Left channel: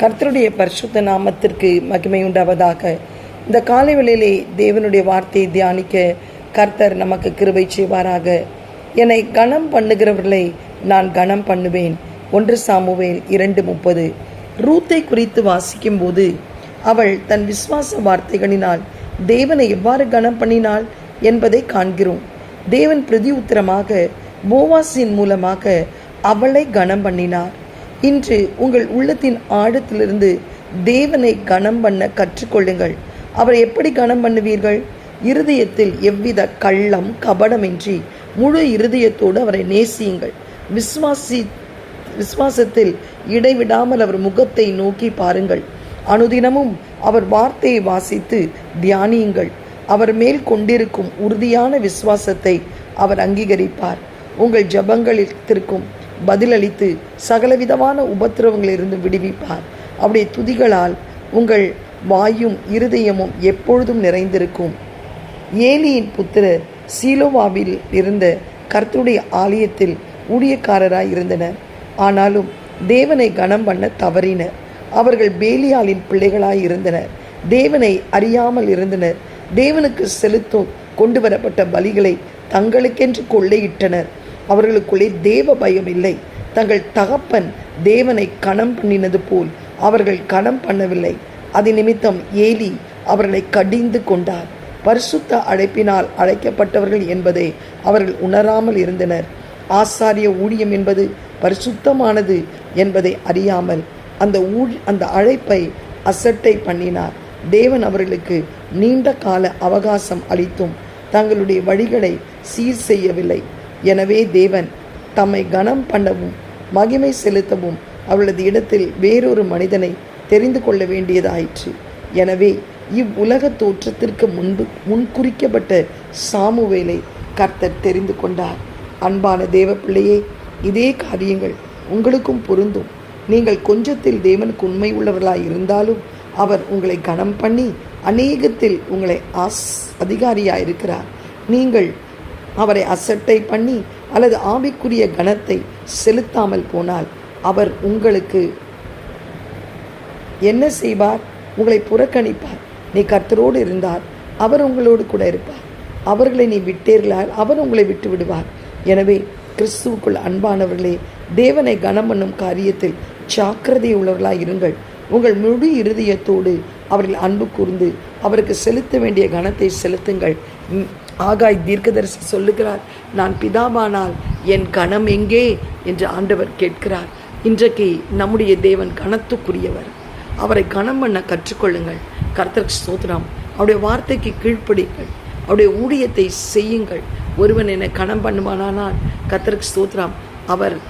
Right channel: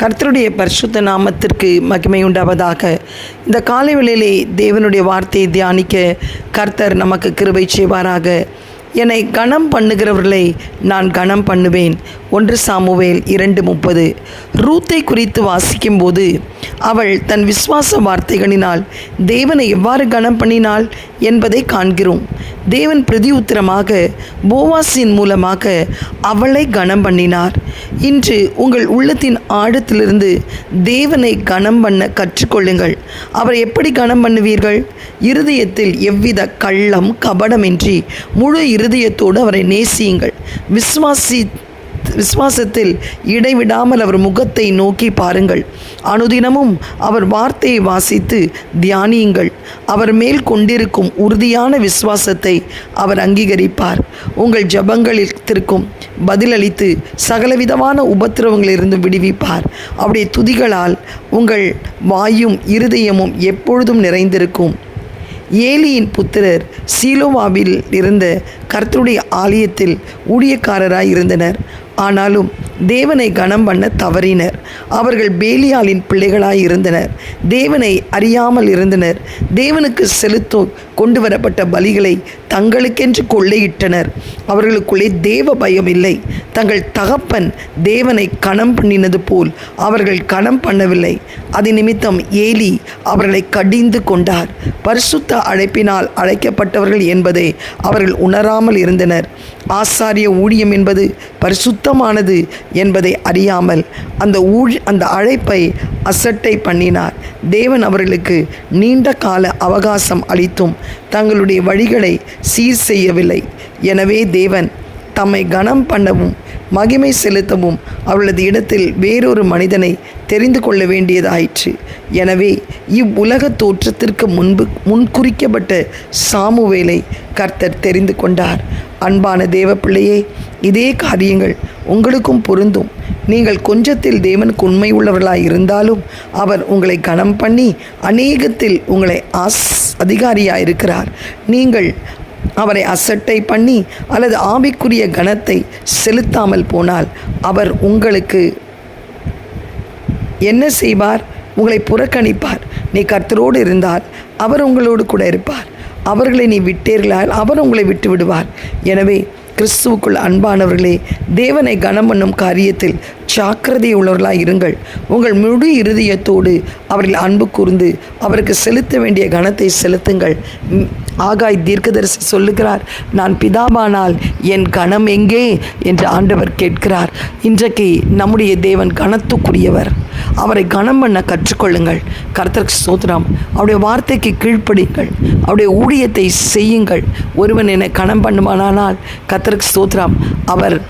கர்த்தருடைய பரிசுத்த நாமத்திற்கு மகிமை உண்டாவதாக. இந்த காலை வேளையிலே தேவனுடைய வார்த்தையை தியானிக்க கர்த்தர் நமக்கு கிருபை செய்வாராக. என்னை கனம் பண்ணுகிறவர்களை நான் கனம் பண்ணுவேன். ஒன்று சாமுவேல் இரண்டு முப்பது. ரூத்தை குறித்து வாசிக்கும்போது அவள் தன் விசுவாச வார்த்தைகளினால் தேவனை எவ்வாறு கனம் பண்ணினாள்? என்பதை காண்கிறோம். தேவன் பிரதி உத்தரமாக போவாசின் மூலமாக அவளை கனம் பண்ணினார் இன்று உங்கள் உள்ளத்தின் ஆழத்திலிருந்து தேவனை கனம் பண்ண கற்றுக்கொள்ளுங்கள். அவரை எப்படி கனம் பண்ணுவீர்கள் இருதயத்தில் எவ்வித கள்ளம் கபடமின்றி முழு இருதயத்தோடு அவரை நேசியுங்கள். விசுவாசி விசுவாசத்தில் இடைவிடாமல் அவர் முகத்தை நோக்கி பாருங்கள். அனுதினமும் அவர் வார்த்தையை வாசித்து தியானியுங்கள். அவர் மேல் கொண்டிருக்கும் உறுதியான விசுவாசத்தை அவர் அங்கீகரிப்பார். உங்கள் ஜபங்களித்திற்கும் பதிலளித்து சகலவிதமான உபத்திரவங்களிலிருந்து விடுவிப்பார். அவருடைய துதிகளால் உங்கள் வாயும் இருதயமும் எப்பொழுதும் நிறைந்திருக்கும். ஏலியின் புத்திரர் சீலோவாவில் இருந்த கர்த்தருடைய ஆலயத்தில் ஊழியக்காரராய் இருந்தனர். ஆனாலும் தேவனை கனம் பண்ண தவறினர். அவர்கள் பேலியாலின் பிள்ளைகளாய் இருந்தனர். தேவனை அறியாமல் இருந்தனர். தேவனுக்கு செலுத்தும் கொண்டு வரப்பட்ட பலிகளை தங்களுக்கென்று கொள்ளையிட்டனர். அவர்களுக்குள்ளே தேவ பயம் இல்லை. தங்கள் தகப்பன் தேவனை கணம் பண்ணினது போல் அவர்கள் கணம் பண்ணவில்லை. அது நிமித்தம் ஏலி அவர்களை கடிந்து கொண்டார். பரிசுத்த அழைப்பினால் அழைக்கப்பட்டவர்கள் என்பதை அவர்கள் உணராமல் இருந்தனர். ஆசாரிய ஊழியம் என்பது பரிசுத்தமானது என்பதை அறியாமல் அந்த ஊழ் அந்த அழைப்பை அசட்டை பண்ணினார். தேவன் அவர்களுக்கு நீண்ட கால அவகாசம் அளித்தும் தங்களுடைய வழிகளை சீர் செய்யவில்லை. எனவே தேவன் தம்மை கனம் பண்ணவும் மகிமை செலுத்தவும் அவளது இடத்தில் வேறொரு மனிதனை தெரிந்து கொள்ள வேண்டியதாயிற்று. எனவே இவ்வுலக தோற்றத்திற்கு முன்பு முன்குறிக்கப்பட்ட சாமுவேலை கர்த்தர் தெரிந்து கொண்டார். அன்பான தேவ பிள்ளையே இதே காரியங்கள் உங்களுக்கும் பொருந்தும். நீங்கள் கொஞ்சத்தில் தேவனுக்கு உண்மை உள்ளவர்களாய் இருந்தாலும் அவர் உங்களை கனம் பண்ணி அநேகத்தில் உங்களை ஆஸ் அதிகாரியாக இருக்கிறார். நீங்கள் அவரை அசட்டை பண்ணி அல்லது ஆவிக்குரிய கணத்தை செலுத்தாமல் போனால் அவர் உங்களுக்கு என்ன செய்வார்? உங்களை புறக்கணிப்பார். நீ கர்த்தரோடு இருந்தார் அவர் உங்களோடு கூட இருப்பார். அவர்களை நீ விட்டீர்களால் அவர் உங்களை விட்டு விடுவார் எனவே கிறிஸ்துவுக்குள் அன்பானவர்களே தேவனை கனம் பண்ணும் காரியத்தில் ஜாக்கிரதை உள்ளவர்களாக இருங்கள். உங்கள் முழு இருதயத்தோடு அவர்கள் அன்பு கூர்ந்து அவருக்கு செலுத்த வேண்டிய கனத்தை செலுத்துங்கள். ஆகாய் தீர்க்கதரிசி சொல்லுகிறார் நான் பிதாவானால் என் கணம் எங்கே? என்று ஆண்டவர் கேட்கிறார். இன்றைக்கு நம்முடைய தேவன் கனத்துக்குரியவர். அவரை கனம் பண்ண கற்றுக்கொள்ளுங்கள். கர்த்தர் சோத்ராம் அவருடைய வார்த்தைக்கு கீழ்ப்படிங்கள் அவருடைய ஊழியத்தை செய்யுங்கள். ஒருவன் என்னை கனம் பண்ணுமானால் கர்த்தருக்கு சோத்ராம் அவர்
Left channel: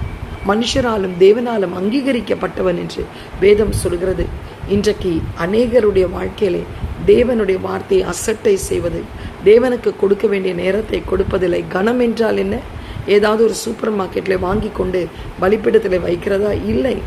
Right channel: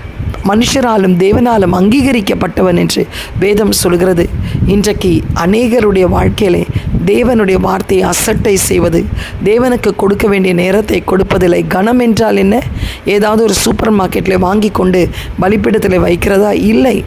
மனுஷராலும் தேவனாலும் அங்கீகரிக்கப்பட்டவன் என்று வேதம் சொல்கிறது. இன்றைக்கு அநேகருடைய வாழ்க்கையிலே தேவனுடைய வார்த்தையை அசட்டை செய்வது தேவனுக்கு கொடுக்க வேண்டிய நேரத்தை கொடுப்பதில்லை கனம் என்றால் என்ன? ஏதாவது ஒரு சூப்பர் மார்க்கெட்டில் வாங்கி கொண்டு பலிப்பிடத்தில் வைக்கிறதா? இல்லை.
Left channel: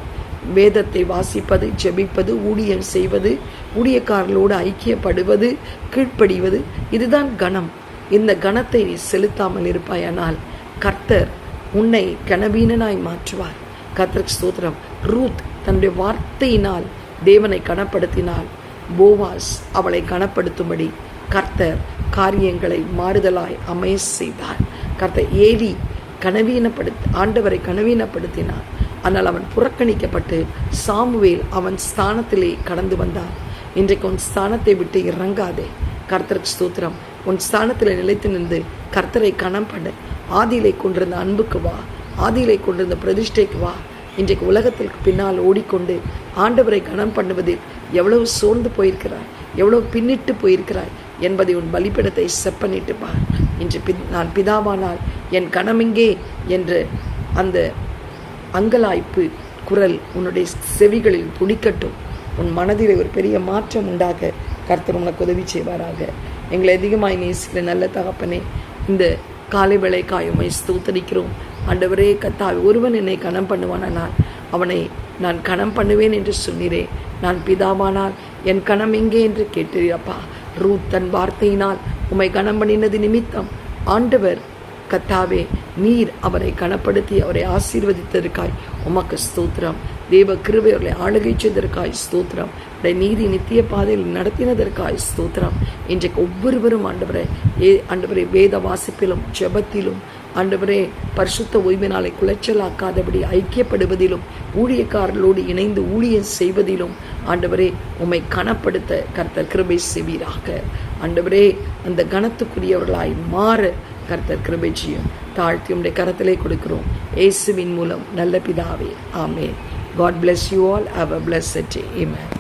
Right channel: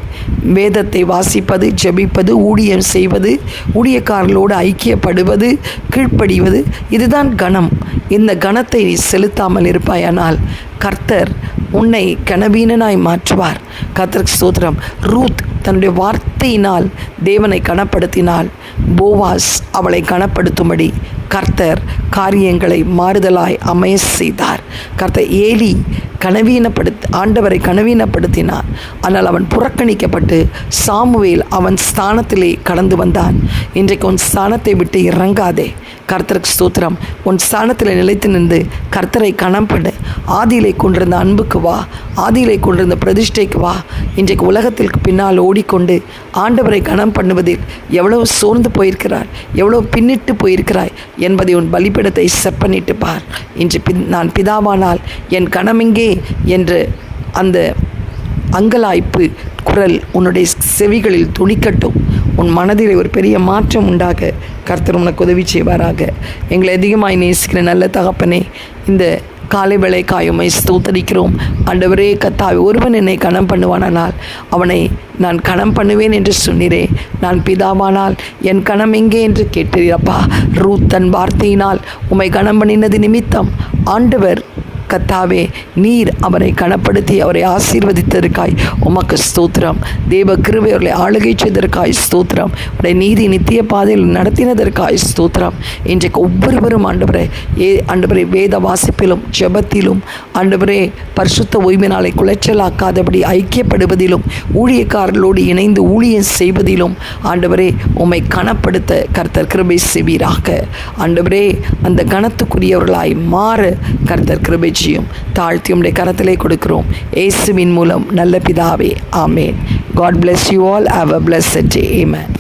வேதத்தை வாசிப்பது ஜெபிப்பது ஊழியம் செய்வது ஊழியக்காரர்களோடு ஐக்கியப்படுவது கீழ்ப்படிவது இதுதான் கணம் இந்த கணத்தை நீ செலுத்தாமல் இருப்பாயானால் கர்த்தர் உன்னை கனவீனனாய் மாற்றுவார். கர்த்தருக்கு சோதரம் ரூத் தன்னுடைய வார்த்தையினால் தேவனை கனப்படுத்தினால் போவாஸ் அவளை கனப்படுத்தும்படி கர்த்தர் காரியங்களை மாறுதலாய் அமைய செய்தார். கர்த்தர் ஏலி கனவீனப்படுத் ஆண்டவரை கனவீனப்படுத்தினார். ஆனால் அவன் புறக்கணிக்கப்பட்டு சாமுவேல் அவன் ஸ்தானத்திலே கடந்து வந்தான். இன்றைக்கு உன் ஸ்தானத்தை விட்டு இறங்காதே. கர்த்தருக்கு ஸ்தோத்திரம். உன் ஸ்தானத்தில் நிலைத்து நின்று கர்த்தரை கணம் பண்ணு ஆதியிலே கொண்டிருந்த அன்புக்கு வா. ஆதியிலே கொண்டிருந்த பிரதிஷ்டைக்கு வா. இன்றைக்கு உலகத்திற்கு பின்னால் ஓடிக்கொண்டு ஆண்டவரை கணம் பண்ணுவதில் எவ்வளவு சோர்ந்து போயிருக்கிறார். எவ்வளவு பின்னிட்டு போயிருக்கிறாய் என்பதை உன் பலிப்பிடத்தை செப்பனிட்டு பார். இன்று பின் நான் பிதாவானால் என் கணமெங்கே என்று அந்த அங்கலாய்ப்பு குரல் உன்னுடைய செவிகளில் துணிக்கட்டும் உன் மனதில் ஒரு பெரிய மாற்றம் உண்டாக கர்த்தர் உனக்கு உதவி செய்வாராக. எங்களை அதிகமாய் நேசிக்கிற நல்ல தகப்பனே இந்த காலை வேளை காயுமை ஸ்தோத்தரிக்கிறோம். ஆண்டவரே கத்தாவை ஒருவன் என்னை கணம் பண்ணுவானால் அவனை நான் கணம் பண்ணுவேன் என்று சொன்னீரே. நான் பிதாவானால் என் கணம் எங்கே என்று கேட்டீரப்பா? ரூத் தன் வார்த்தையினால் உம்மை கணம் பண்ணினது நிமித்தம் ஆண்டவர் கத்தாவே நீர் அவரை கனப்படுத்தி அவரை ஆசீர்வதித்ததற்காய் உமக்கு ஸ்தோத்திரம். தேவ கிருபை அவர்களை ஆளுகை செய்ததற்காய் ஸ்தோத்திரம். உடைய நீதி நித்திய பாதையில் நடத்தினதற்காய் ஸ்தோத்திரம். இன்றைக்கு ஒவ்வொருவரும் ஆண்டவரே ஏ ஆண்டவரே வேத வாசிப்பிலும் ஜெபத்திலும் ஆண்டவரே பரிசுத்த ஓய்வு நாளை குலைச்சலாக்காதபடி ஐக்கியப்படுவதிலும் ஊழியக்காரர்களோடு இணைந்து ஊழியம் செய்வதிலும் ஆண்டவரே உம்மை கனப்படுத்த கர்த்தர் கிருபை செவீராக ஆண்டவரே அந்த கனத்துக்குரியவர்களாய் மாற கர்த்தர் கிருபை ராஜ்யம் தாழ்த்தி உடைய கரத்திலே கொடுக்கிறோம். ஏசுவின் மூலம் நல்ல பிதாவே ஆமேன். God bless you all have a bless day amen